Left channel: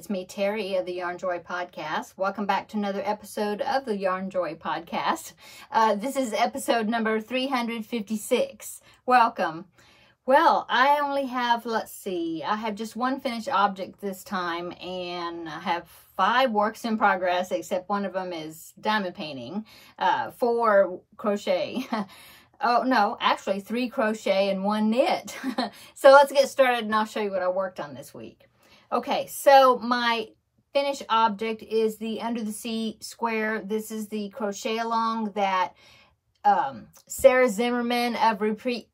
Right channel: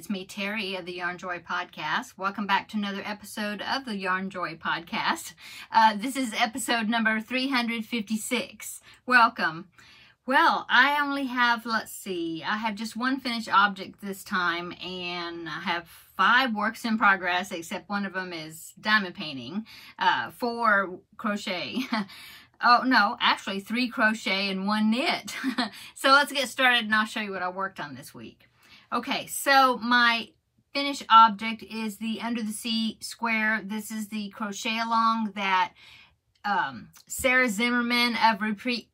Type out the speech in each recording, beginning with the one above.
It's me, Terry, of the Yarnjoy podcast. Welcome back to another episode of the Yarnjoy podcast. This is episode number 356. Welcome. Well, I only have, I have just one finished object this time, and I have 5 works in progress, except one of them is diamond painting, 4 crochet. Oh, no, actually 3 crochet and 1 knit. So let's get started and I'll show you what I worked on this week. Okay, so my finished object is the Under the Sea square. This is the crochet along that Sarah Zimmerman of Repeat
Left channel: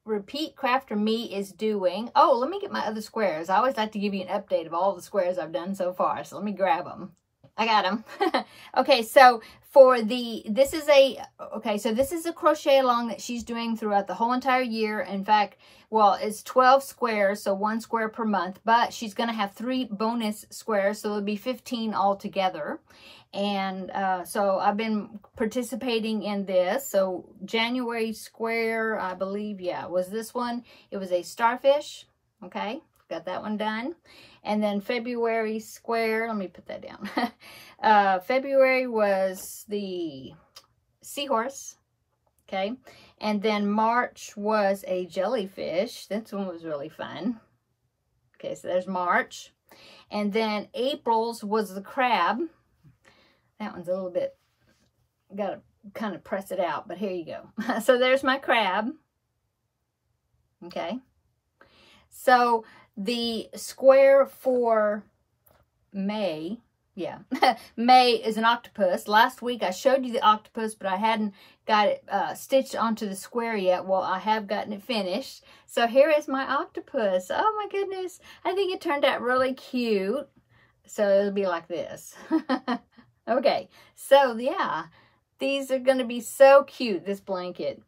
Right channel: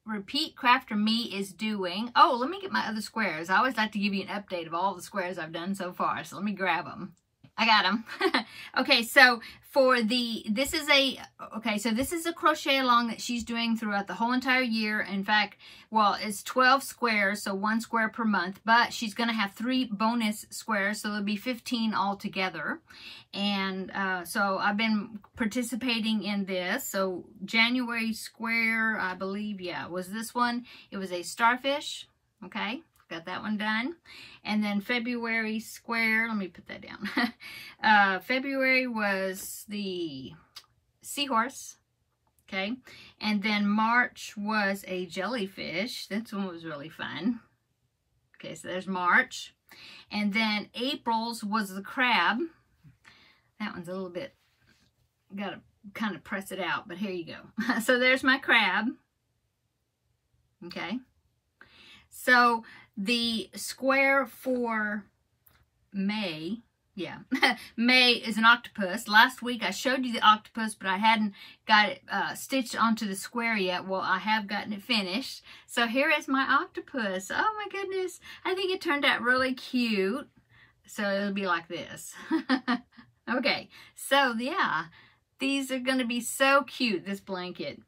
Crafter Me is doing. Oh, let me get my other squares. I always like to give you an update of all the squares I've done so far. So let me grab them. I got them. Okay, so for this is a crochet along that she's doing throughout the whole entire year. In fact, well, it's 12 squares, so 1 square per month, but she's going to have 3 bonus squares, so there'll be 15 altogether. And so I've been participating in this. So January square, I believe, yeah, was this one. It was a starfish. Okay, got that one done. And then February square, let me put that down. February was the seahorse, okay? And then March was a jellyfish. This one was really fun. Okay, so there's March. And then April's was the crab. That one's a little bit, gotta kind of press it out, but here you go. So there's my crab, okay? So the square for May, yeah, May is an octopus. Last week I showed you the octopus, but I hadn't got it stitched onto the square yet. Well, I have gotten it finished. So here is my octopus. Oh my goodness. I think it turned out really cute. So it'll be like this. Okay, so yeah, these are going to be so cute, this blanket.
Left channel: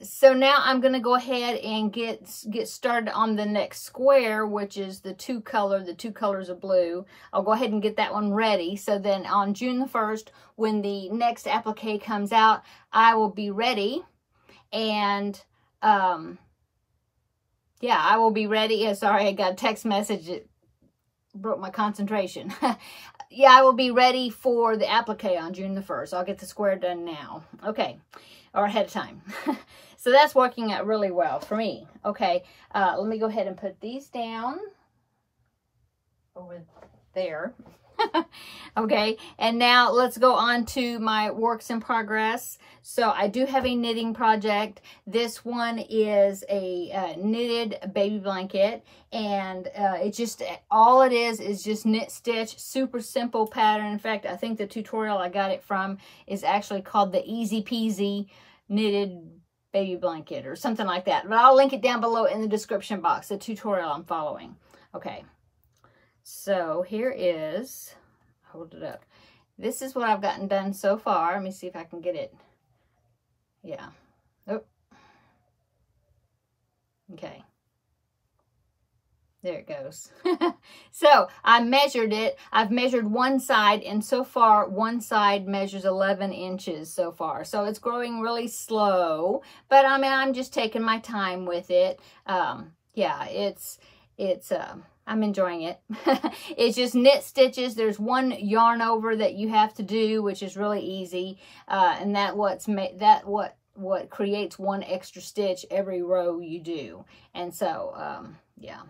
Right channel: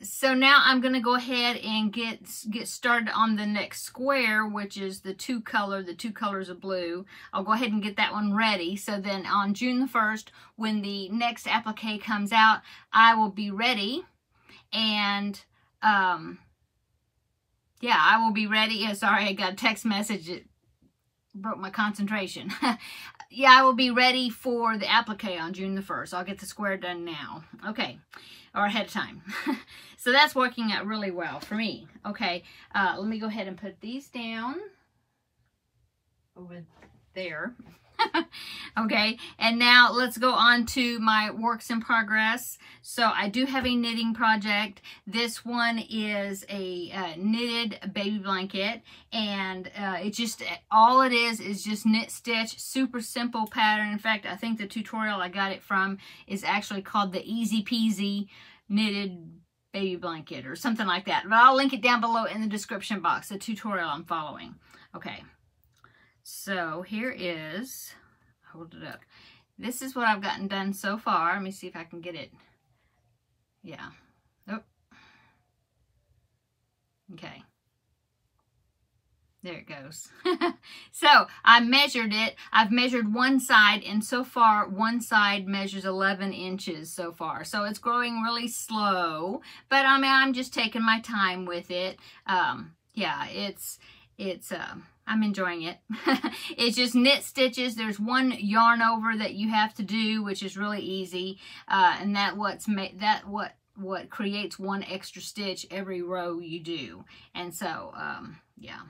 So now I'm going to go ahead and get started on the next square, which is the 2 colors of blue. I'll go ahead and get that one ready. So then on June the 1st, when the next applique comes out, I will be ready. And, yeah, I will be ready. Yeah, sorry, I got a text message that broke my concentration. Yeah, I will be ready for the applique on June the 1st. I'll get the square done now. Okay, or ahead of time. So that's working out really well for me. Okay, let me go ahead and put these down over there. Okay, and now let's go on to my works in progress. So I do have a knitting project. This one is a knitted baby blanket, and it just, all it is just knit stitch, super simple pattern. In fact, I think the tutorial I got it from is actually called the Easy Peasy Knitted Baby Blanket or something like that. But I'll link it down below in the description box, the tutorial I'm following. Okay. So here is, hold it up. This is what I've gotten done so far. Let me see if I can get it. Yeah. Oh. Okay. There it goes. So I measured it. I've measured one side, and so far one side measures 11 inches so far. So it's growing really slow, but I mean, I'm just taking my time with it. Yeah, I'm enjoying it. It's just knit stitches. There's one yarn over that you have to do, which is really easy. And what creates 1 extra stitch every row you do. And so, yeah.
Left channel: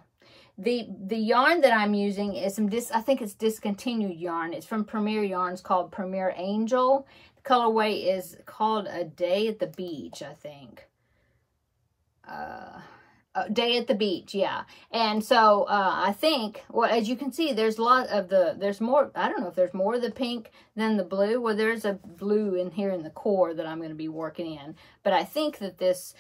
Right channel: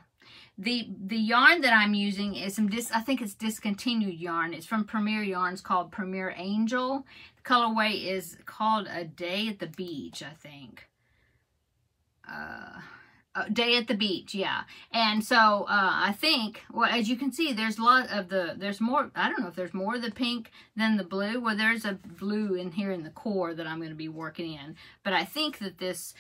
The yarn that I'm using is I think it's discontinued yarn. It's from Premier Yarns called Premier Angel. The colorway is called A Day at the Beach, I think. Day at the Beach, yeah. And so I think, well, as you can see, there's a lot of there's more, I don't know if there's more of the pink than the blue. Well, there's a blue in here in the core that I'm going to be working in. But I think that this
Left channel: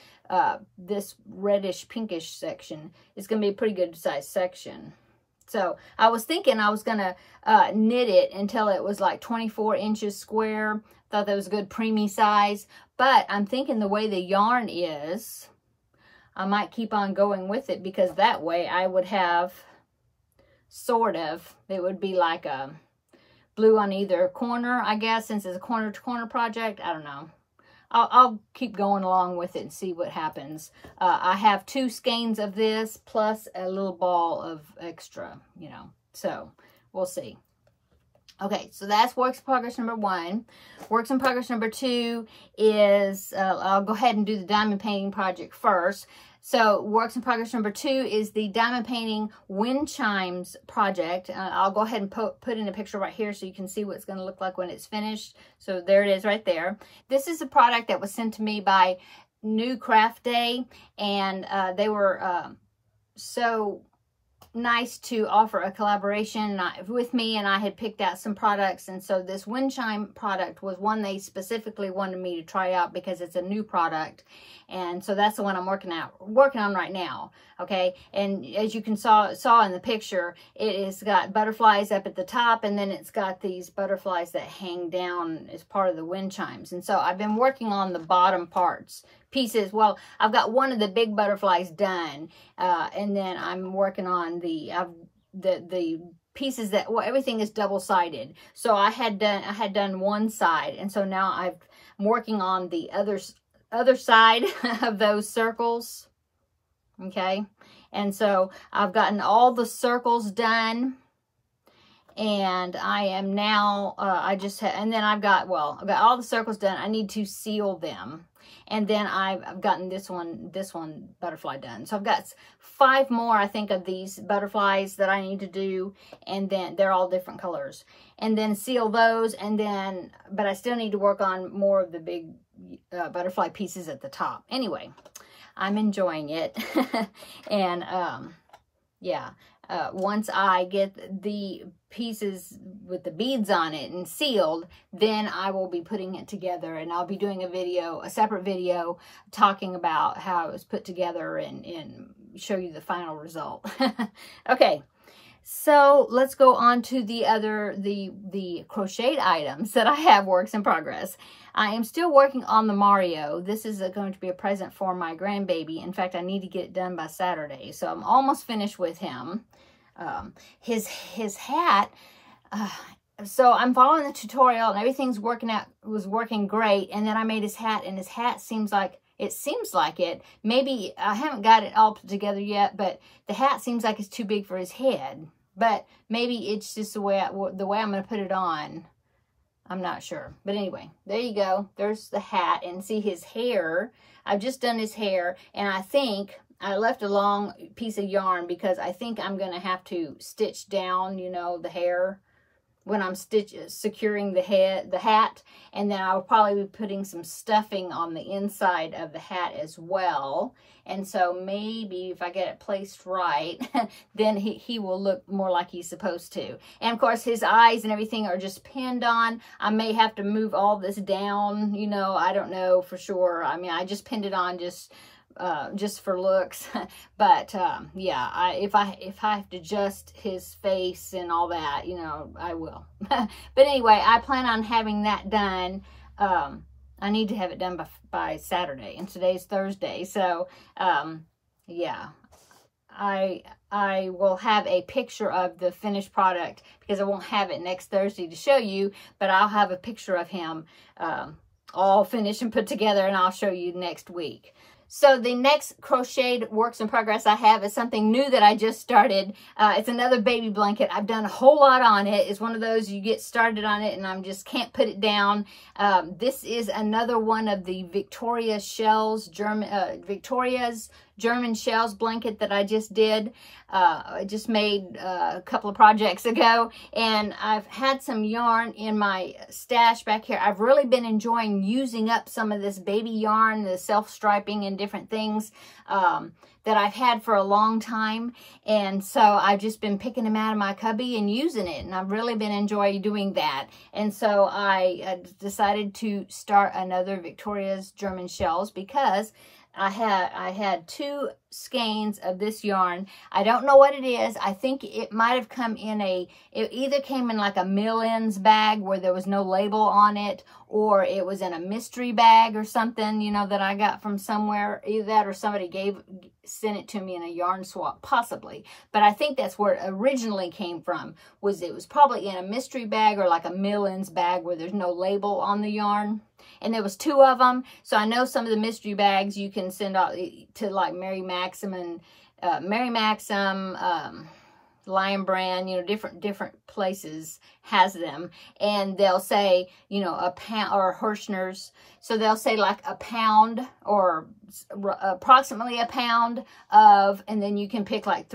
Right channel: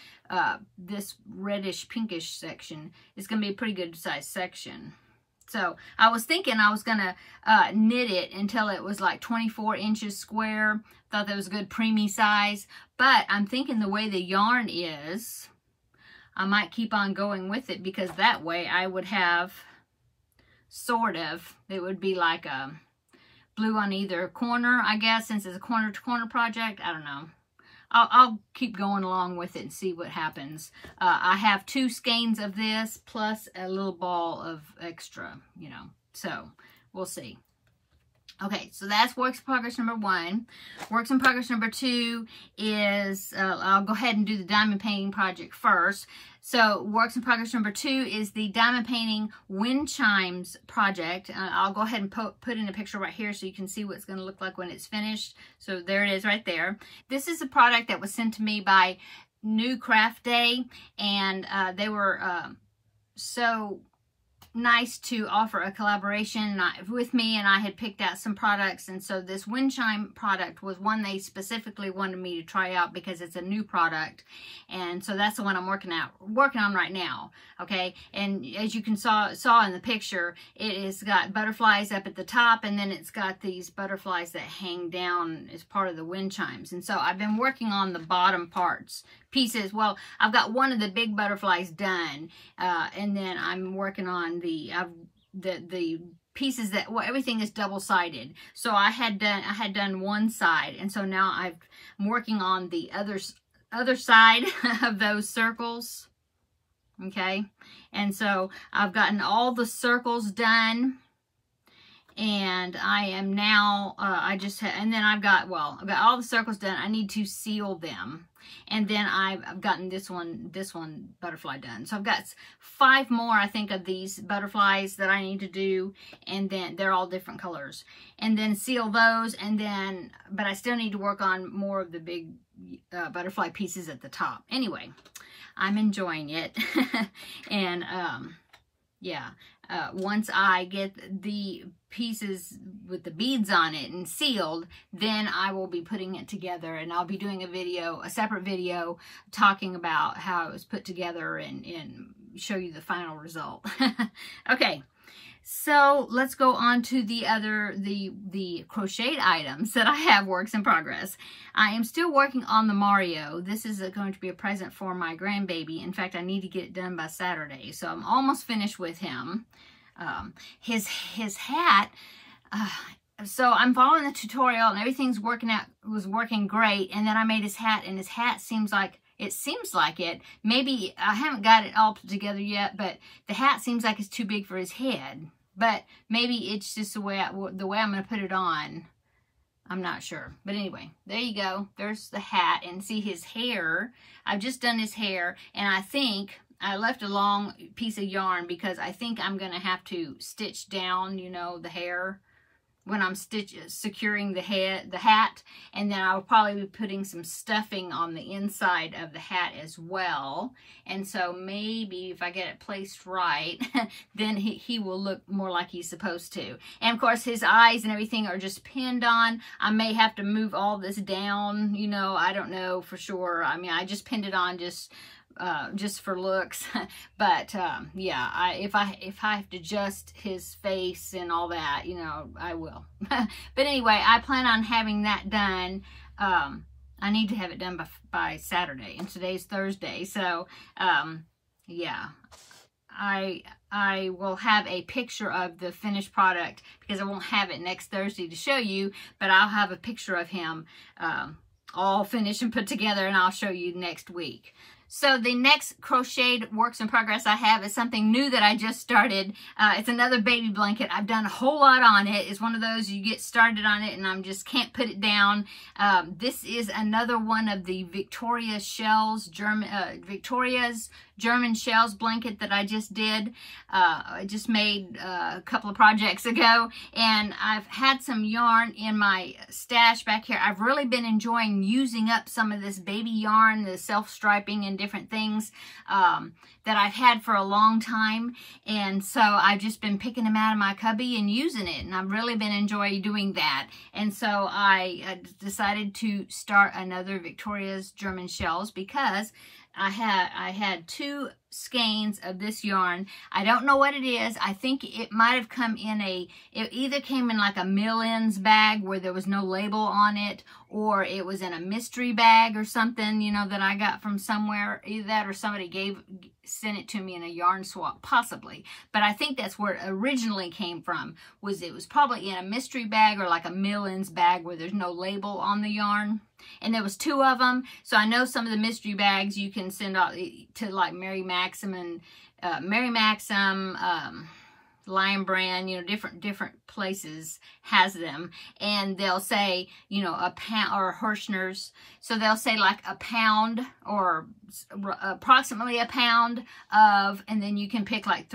reddish pinkish section is going to be a pretty good size section. So I was thinking I was going to knit it until it was like 24 inches square. Thought that was a good preemie size. But I'm thinking the way the yarn is, I might keep on going with it, because that way I would have sort of, it would be like a blue on either corner, I guess, since it's a corner to corner project. I don't know. I'll keep going along with it and see what happens. I have 2 skeins of this plus a little ball of extra, you know, So we'll see. Okay, so that's works in progress number 1. Works in progress number 2 is, I'll go ahead and do the diamond painting project first. So works in progress number 2 is the diamond painting wind chimes project. I'll go ahead and put in a picture right here so you can see what it's going to look like when it's finished. So there it is right there. This is a product that was sent to me by New Craft Day, and they were so nice to offer a collaboration with me, and I had picked out some products, and so this wind chime product was one they specifically wanted me to try out because it's a new product, and so that's the one I'm working on right now. Okay, and as you can saw in the picture, it has got butterflies up at the top, and then it's got these butterflies that hang down as part of the wind chimes. And so I've been working on the bottom pieces. Well, I've got one of the big butterflies done, and then I'm working on the pieces that, well, everything is double-sided. So I had done one side, and so now I'm working on the other side of those circles. Okay, and so I've gotten all the circles done, and I am now and then I've got all the circles done. I need to seal them, and then I've gotten this one butterfly done. So I've got 5 more, I think, of these butterflies that I need to do, and then they're all different colors, and then seal those, and then, but I still need to work on more of the big butterfly pieces at the top. Anyway, I'm enjoying it. And yeah, once I get the pieces with the beads on it and sealed, then I will be putting it together, and I'll be doing a separate video talking about how it was put together and show you the final result. Okay, so let's go on to the crocheted items that I have works in progress. I am still working on the Mario. This is going to be a present for my grandbaby. In fact, I need to get it done by Saturday, so I'm almost finished with him. His hat, so I'm following the tutorial and everything's was working great, and then I made his hat, and his hat seems like it. Maybe I haven't got it all put together yet, but the hat seems like it's too big for his head. But maybe it's just the way I'm going to put it on. I'm not sure. But anyway, there you go. There's the hat, and see his hair. I've just done his hair, and I think I left a long piece of yarn because I think I'm going to have to stitch down, you know, the hair when I'm securing the hat, and then I'll probably be putting some stuffing on the inside of the hat as well. And so maybe if I get it placed right, then he will look more like he's supposed to. And of course, his eyes and everything are just pinned on. I may have to move all this down, you know, I don't know for sure. I mean, I just pinned it on just for looks. But yeah, if I have to adjust his face and all that, you know, I will. But anyway, I plan on having that done. I need to have it done by Saturday, and today's Thursday. So yeah, I will have a picture of the finished product because I won't have it next Thursday to show you, but I'll have a picture of him all finished and put together, and I'll show you next week. So the next crocheted works in progress I have is something new that I just started. It's another baby blanket. I've done a whole lot on it. It's one of those you get started on it and I just can't put it down. This is another one of the Victoria's German shells blanket that I just did. I just made a couple of projects ago, and I've had some yarn in my stash back here. I've really been enjoying using up some of this baby yarn, the self-striping and different things that I've had for a long time, and so I've just been picking them out of my cubby and using it, and I've really been enjoying doing that. And so I decided to start another Victoria's German shells because I had 2 skeins of this yarn. I don't know what it is. I think it might have come in it either came in like a mill-ins bag where there was no label on it, or it was in a mystery bag or something, you know, that I got from somewhere. Either that or somebody sent it to me in a yarn swap, possibly. But I think that's where it originally came from. It was probably in a mystery bag or like a mill-ins bag where there's no label on the yarn. And there was 2 of them. So I know some of the mystery bags you can send out to like Mary Maxim and Lion Brand, you know, different places has them, and they'll say, you know, a pound, or Hirschner's, so they'll say like a pound or approximately a pound of, and then you can pick like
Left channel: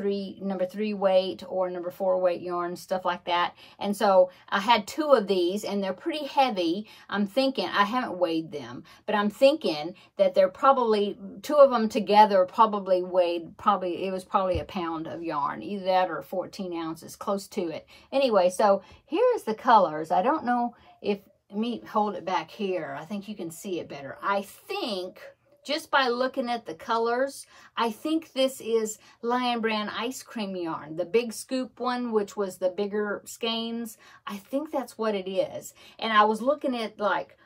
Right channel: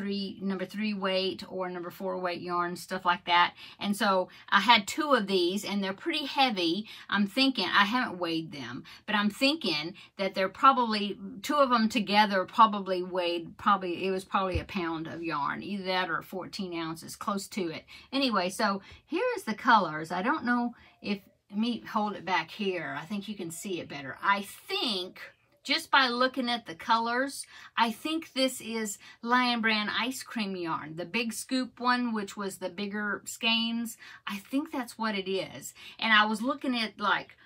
number 3 weight or number 4 weight yarn, stuff like that. And so I had 2 of these, and they're pretty heavy. I'm thinking, I haven't weighed them, but I'm thinking that they're probably, 2 of them together probably weighed, it was probably a pound of yarn, either that or 14 ounces, close to it. Anyway, so here is the colors. I don't know if, let me hold it back here. I think you can see it better. I think, just by looking at the colors, I think this is Lion Brand ice cream yarn. The big scoop one, which was the bigger skeins. I think that's what it is. And I was looking at, like,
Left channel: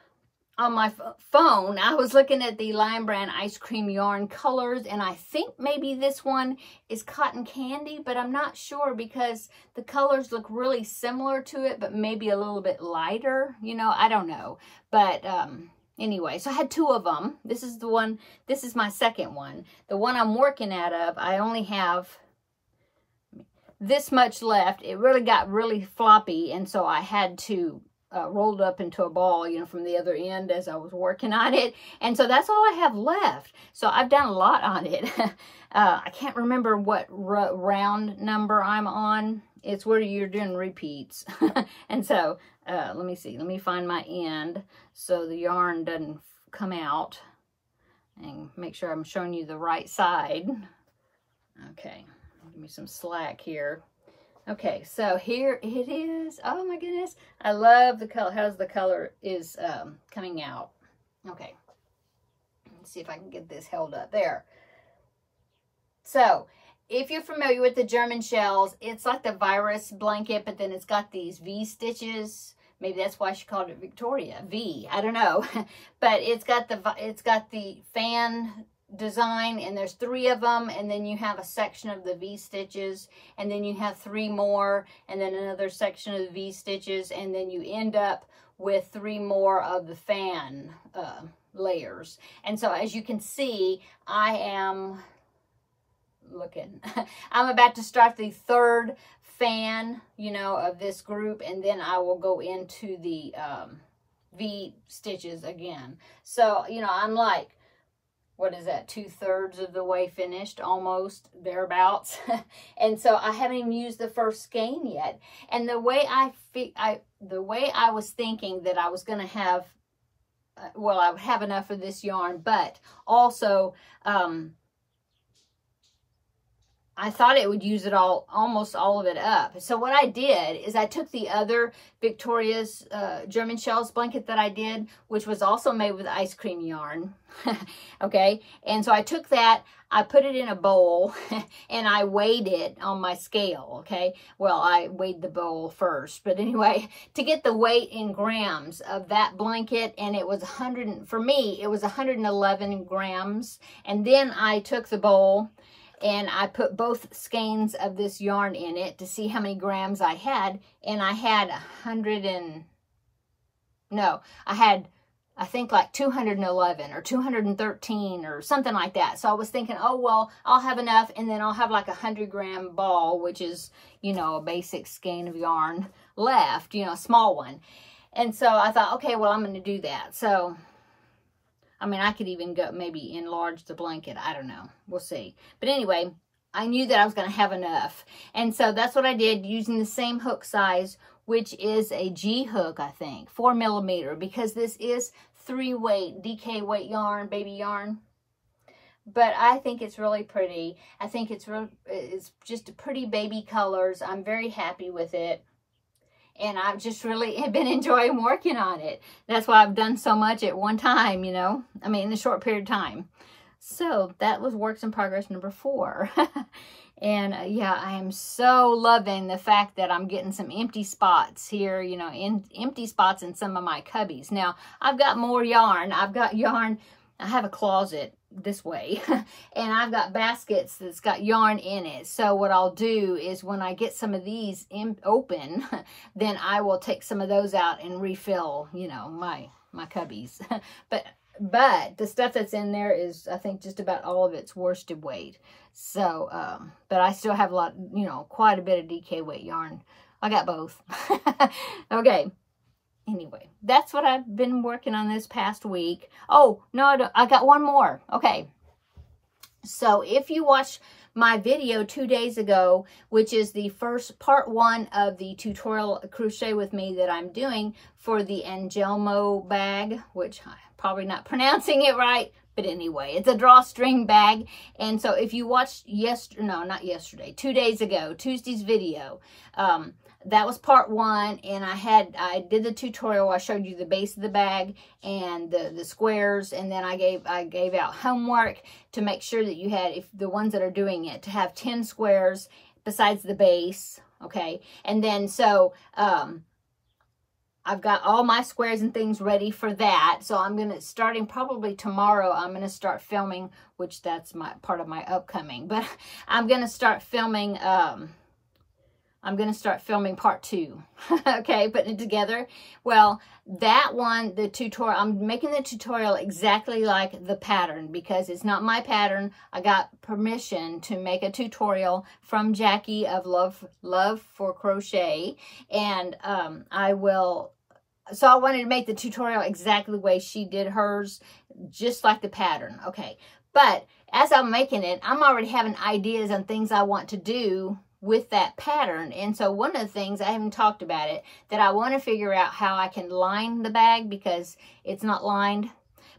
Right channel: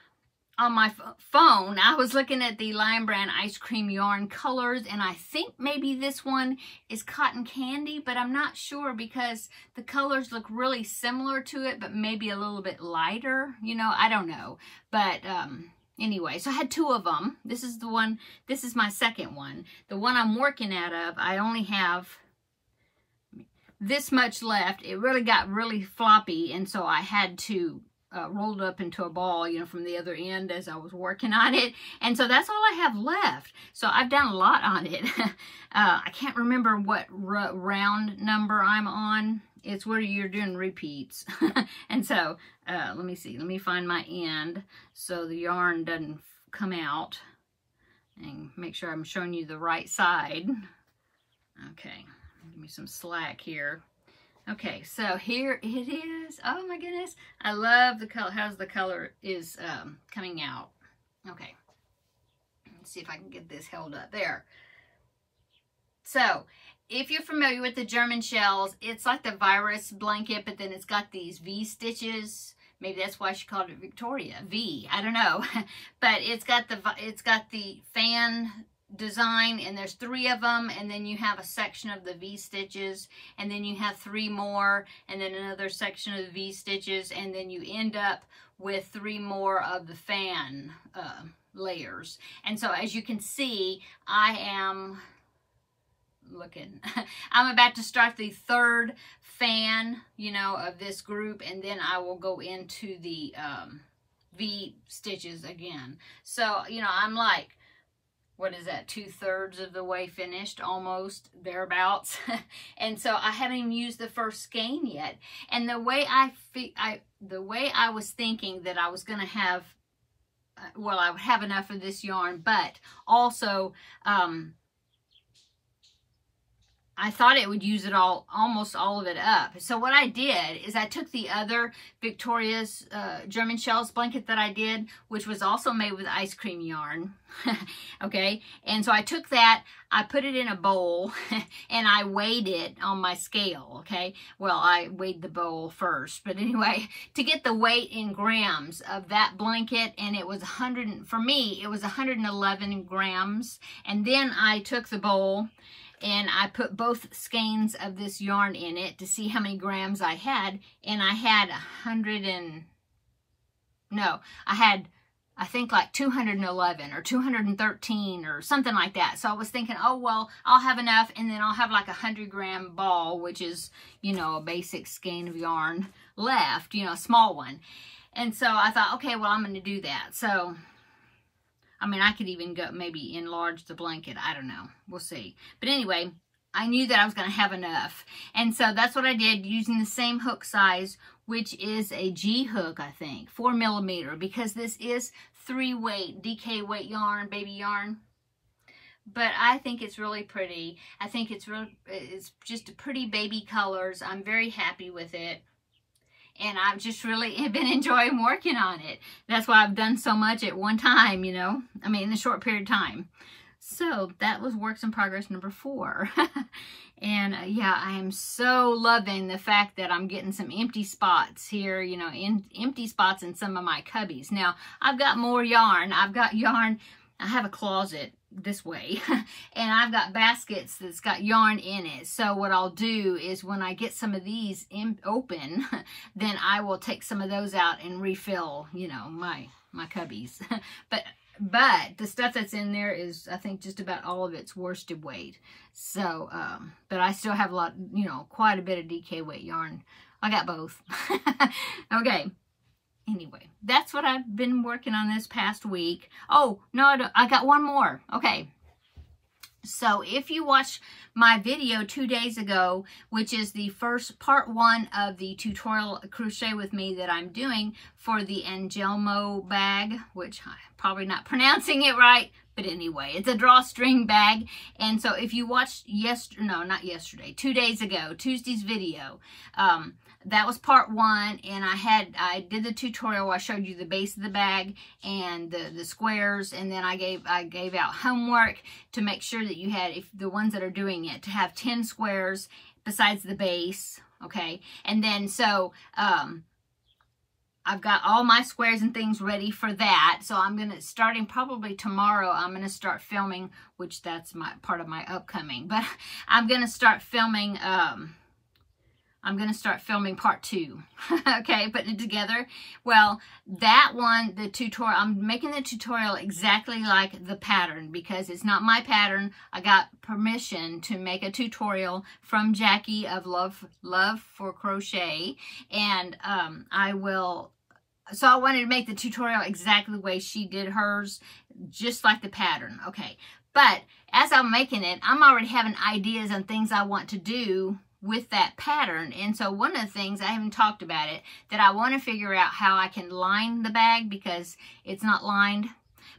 on my phone, I was looking at the Lion Brand ice cream yarn colors, and I think maybe this one is cotton candy, but I'm not sure because the colors look really similar to it, but maybe a little bit lighter, you know, I don't know. But anyway, so I had 2 of them. This is the one, this is my second one. The one I'm working out of, I only have this much left. It really got really floppy, and so I had to rolled up into a ball, you know, from the other end as I was working on it. And so that's all I have left. So I've done a lot on it. I can't remember what round number I'm on. It's where you're doing repeats. And so, let me see. Let me find my end so the yarn doesn't come out. And make sure I'm showing you the right side. Okay. Give me some slack here. Okay, so here it is. Oh my goodness. I love the color. How's the color is coming out. Okay. Let's see if I can get this held up. There. So, if you're familiar with the German shells, it's like the virus blanket, but then it's got these V stitches. Maybe that's why she called it Victoria. V. I don't know. But it's got the fan design, and there's 3 of them, and then you have a section of the V stitches, and then you have 3 more, and then another section of the V stitches, and then you end up with 3 more of the fan layers. And so as you can see, I am looking, I'm about to start the 3rd fan, you know, of this group, and then I will go into the V stitches again. So, you know, I'm like, what is that, 2/3 of the way finished, almost, thereabouts. And so I haven't even used the first skein yet. And the way I was thinking that I was going to have, well, I would have enough of this yarn, but also I thought it would use it all, almost all of it up. So what I did is I took the other Victoria's German shells blanket that I did, which was also made with ice cream yarn. Okay, and so I took that, I put it in a bowl, and I weighed it on my scale. Okay, well, I weighed the bowl first, but anyway, to get the weight in grams of that blanket, and it was 100, for me, it was 111 grams. And then I took the bowl, and I put both skeins of this yarn in it to see how many grams I had. And I had I think like 211 or 213 or something like that. So I was thinking, oh, well, I'll have enough, and then I'll have like a 100-gram ball, which is, you know, a basic skein of yarn left, you know, a small one. And so I thought, okay, well, I'm going to do that. So, I mean, I could even go maybe enlarge the blanket. I don't know. We'll see. But anyway, I knew that I was going to have enough. And so that's what I did, using the same hook size, which is a G hook, I think, 4mm, because this is 3-weight, DK weight yarn, baby yarn. But I think it's really pretty. I think it's just pretty baby colors. I'm very happy with it. And I've just really been enjoying working on it. That's why I've done so much at one time, you know. I mean, in a short period of time. So that was works in progress number 4. And yeah, I am so loving the fact that I'm getting some empty spots here, you know, empty spots in some of my cubbies. Now, I've got more yarn. I've got yarn. I have a closet this way, and I've got baskets that's got yarn in it. So what I'll do is when I get some of these open, then I will take some of those out and refill, you know, my cubbies. But but the stuff that's in there is, I think, just about all of its worsted weight. So, but I still have a lot, you know, quite a bit of DK weight yarn. I got both. Okay. Anyway, that's what I've been working on this past week. Oh, no, I got one more. Okay. So if you watched my video 2 days ago, which is the first part 1 of the tutorial crochet with me that I'm doing for the Angelmo bag, which I'm probably not pronouncing it right, but anyway, it's a drawstring bag. And so if you watched 2 days ago, Tuesday's video, that was part 1, and I did the tutorial. I showed you the base of the bag and the squares, and then I gave out homework to make sure that you had, if the ones that are doing it, to have 10 squares besides the base, okay? And then so I've got all my squares and things ready for that. So I'm gonna, starting probably tomorrow, I'm gonna start filming, which that's my part of my upcoming, but I'm gonna start filming part 2, okay, putting it together. Well, that one, the tutorial, I'm making the tutorial exactly like the pattern because it's not my pattern. I got permission to make a tutorial from Jackie of Love for Crochet, and so I wanted to make the tutorial exactly the way she did hers, just like the pattern, okay. But as I'm making it, I'm already having ideas on things I want to do with that pattern. And so one of the things, I haven't talked about it, that I want to figure out how I can line the bag because it's not lined,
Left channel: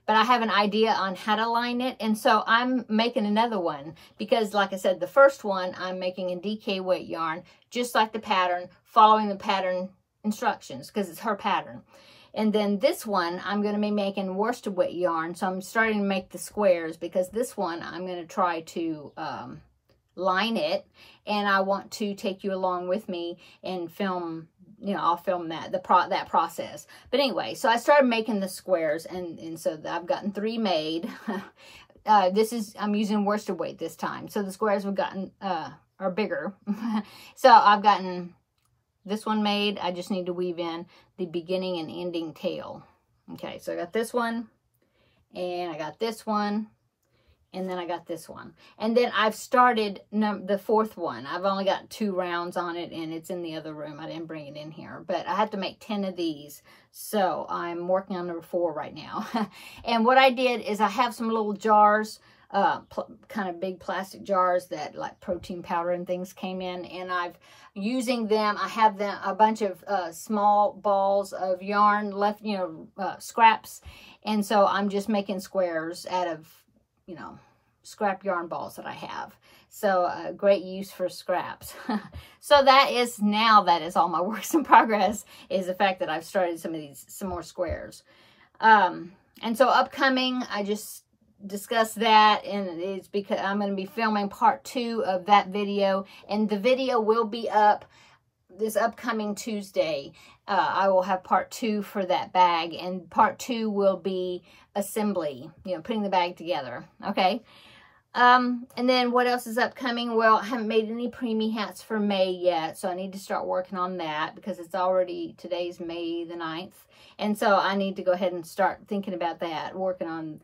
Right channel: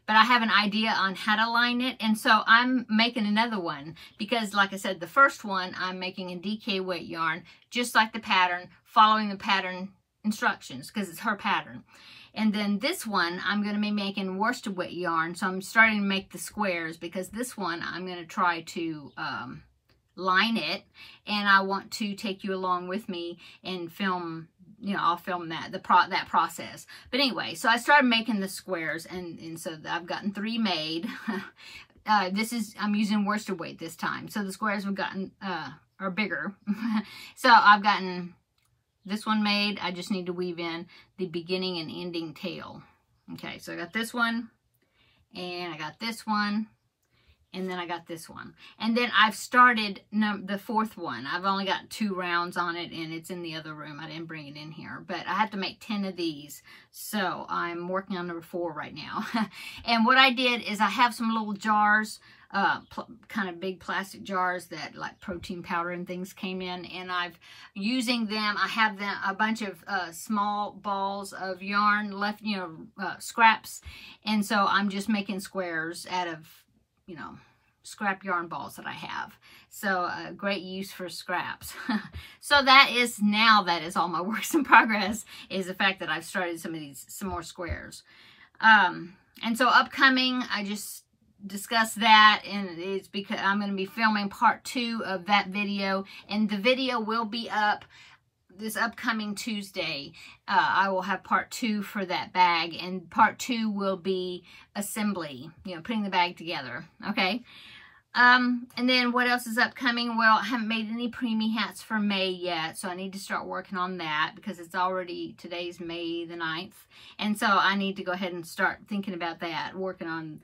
but I have an idea on how to line it. And so I'm making another one because, like I said, the first one I'm making in DK weight yarn, just like the pattern, following the pattern instructions because it's her pattern. And then this one, I'm going to be making worsted weight yarn. So I'm starting to make the squares because this one I'm going to try to line it, and I want to take you along with me and film, you know, I'll film that process. But anyway, so I started making the squares, and so I've gotten 3 made. I'm using worsted weight this time, so the squares have gotten are bigger. So I've gotten this one made. I just need to weave in the beginning and ending tail. Okay, so I got this one, and I got this one, and then I got this one. And then I've started the 4th one. I've only got 2 rounds on it, and it's in the other room. I didn't bring it in here, but I have to make 10 of these. So I'm working on number 4 right now. And what I did is I have some little jars, kind of big plastic jars that like protein powder and things came in, and I've using them. I have them a bunch of small balls of yarn left, you know, scraps. And so I'm just making squares out of, you know, scrap yarn balls that I have. So great use for scraps. So that is all my works in progress, is the fact that I've started some more squares. And so upcoming, I just discussed that, and it's because I'm going to be filming part 2 of that video, and the video will be up this upcoming Tuesday. I will have part 2 for that bag, and part 2 will be assembly, you know, putting the bag together. Okay. And then what else is upcoming? Well, I haven't made any preemie hats for May yet, so I need to start working on that because it's already, today's May the 9th. And so I need to go ahead and start thinking about that, working on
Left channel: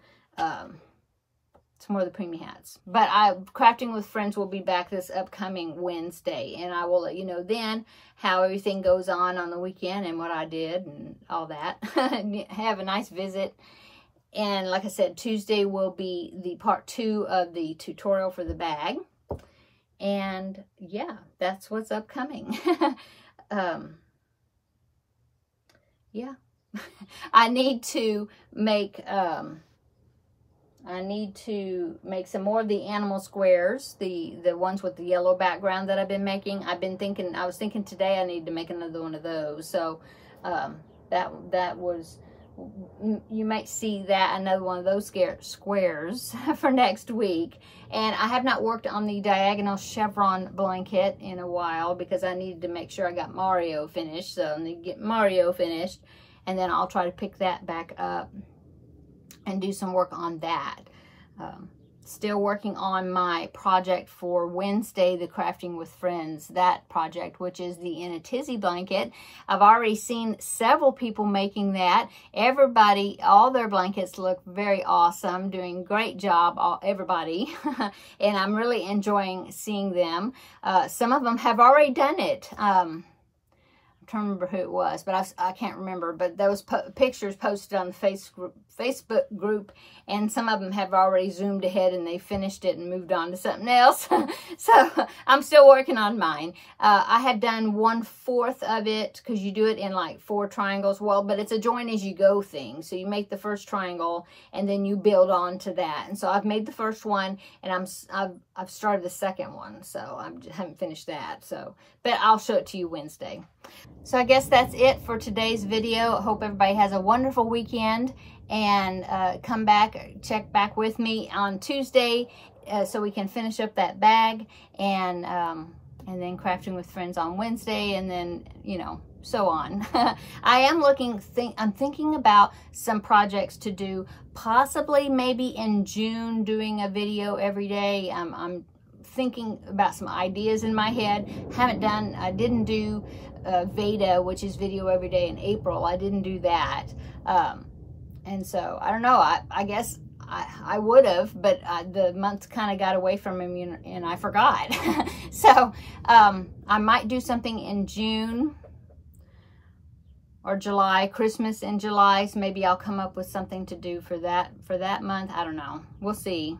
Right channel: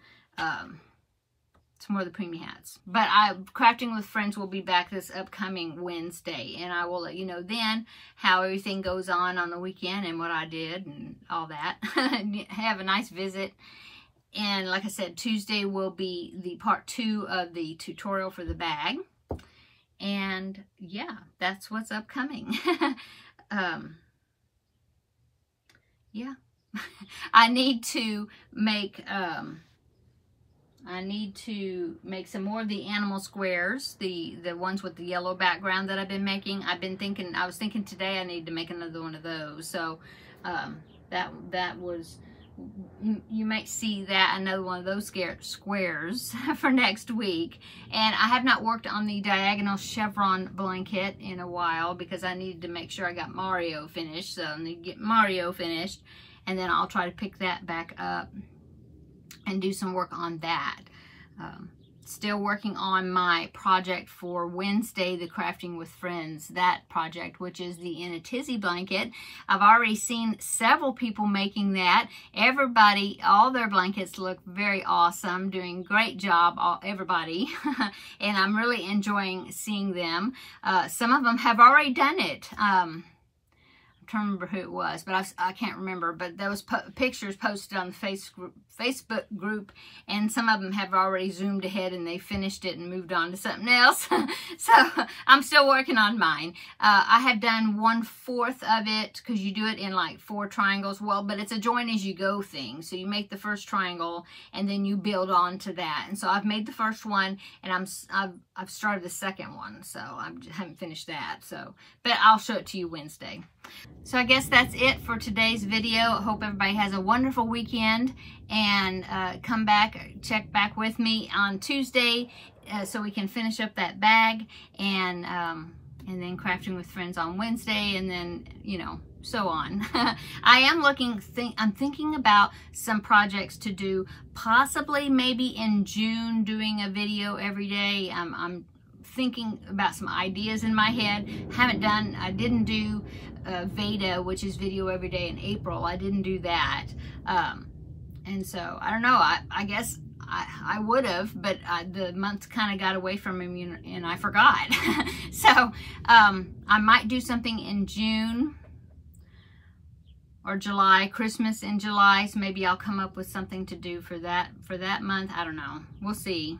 some more of the preemie hats. But Crafting with Friends will be back this upcoming Wednesday, and I will let you know then how everything goes on the weekend and what I did and all that. Have a nice visit. And like I said, Tuesday will be the part 2 of the tutorial for the bag. And yeah, that's what's upcoming. Yeah. I need to make some more of the animal squares, the ones with the yellow background that I've been making. I was thinking today I need to make another one of those. So that was, you might see that, another one of those squares for next week. And I have not worked on the diagonal chevron blanket in a while because I needed to make sure I got Mario finished. So I need to get Mario finished, and then I'll try to pick that back up and do some work on that. still working on my project for Wednesday, the Crafting with Friends, that project, which is the In a Tizzy blanket. I've already seen several people making that. Everybody, all their blankets look very awesome, doing great job, everybody. And I'm really enjoying seeing them. Some of them have already done it. Trying to remember who it was, but I can't remember, but there was pictures posted on the Facebook group, and some of them have already zoomed ahead and they finished it and moved on to something else. So I'm still working on mine. I have done 1/4 of it, because you do it in like 4 triangles. Well, but it's a join as you go thing. So you make the first triangle and then you build on to that. And so I've made the first one, and I've started the second one, so I haven't finished that. So, but I'll show it to you Wednesday. So I guess that's it for today's video. I hope everybody has a wonderful weekend, and come back, check back with me on Tuesday so we can finish up that bag, and then Crafting with Friends on Wednesday, and then, you know, so on. I'm thinking about some projects to do, possibly maybe in June, doing a video every day. I'm thinking about some ideas in my head. I didn't do Veda, which is video every day, in April. I didn't do that. And so, I don't know, I guess I would have, but the month kind of got away from me, and I forgot. So, I might do something in June or July, Christmas in July, so maybe I'll come up with something to do for that month. I don't know. We'll see.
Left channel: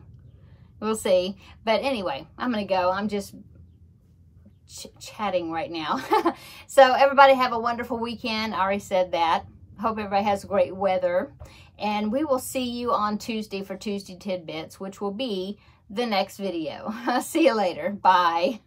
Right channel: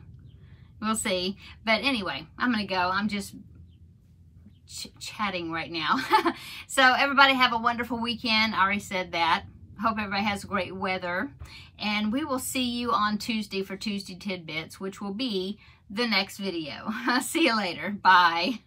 We'll see. But anyway, I'm going to go. I'm just chatting right now. So everybody have a wonderful weekend. I already said that. Hope everybody has great weather. And we will see you on Tuesday for Tuesday Tidbits, which will be the next video. See you later. Bye.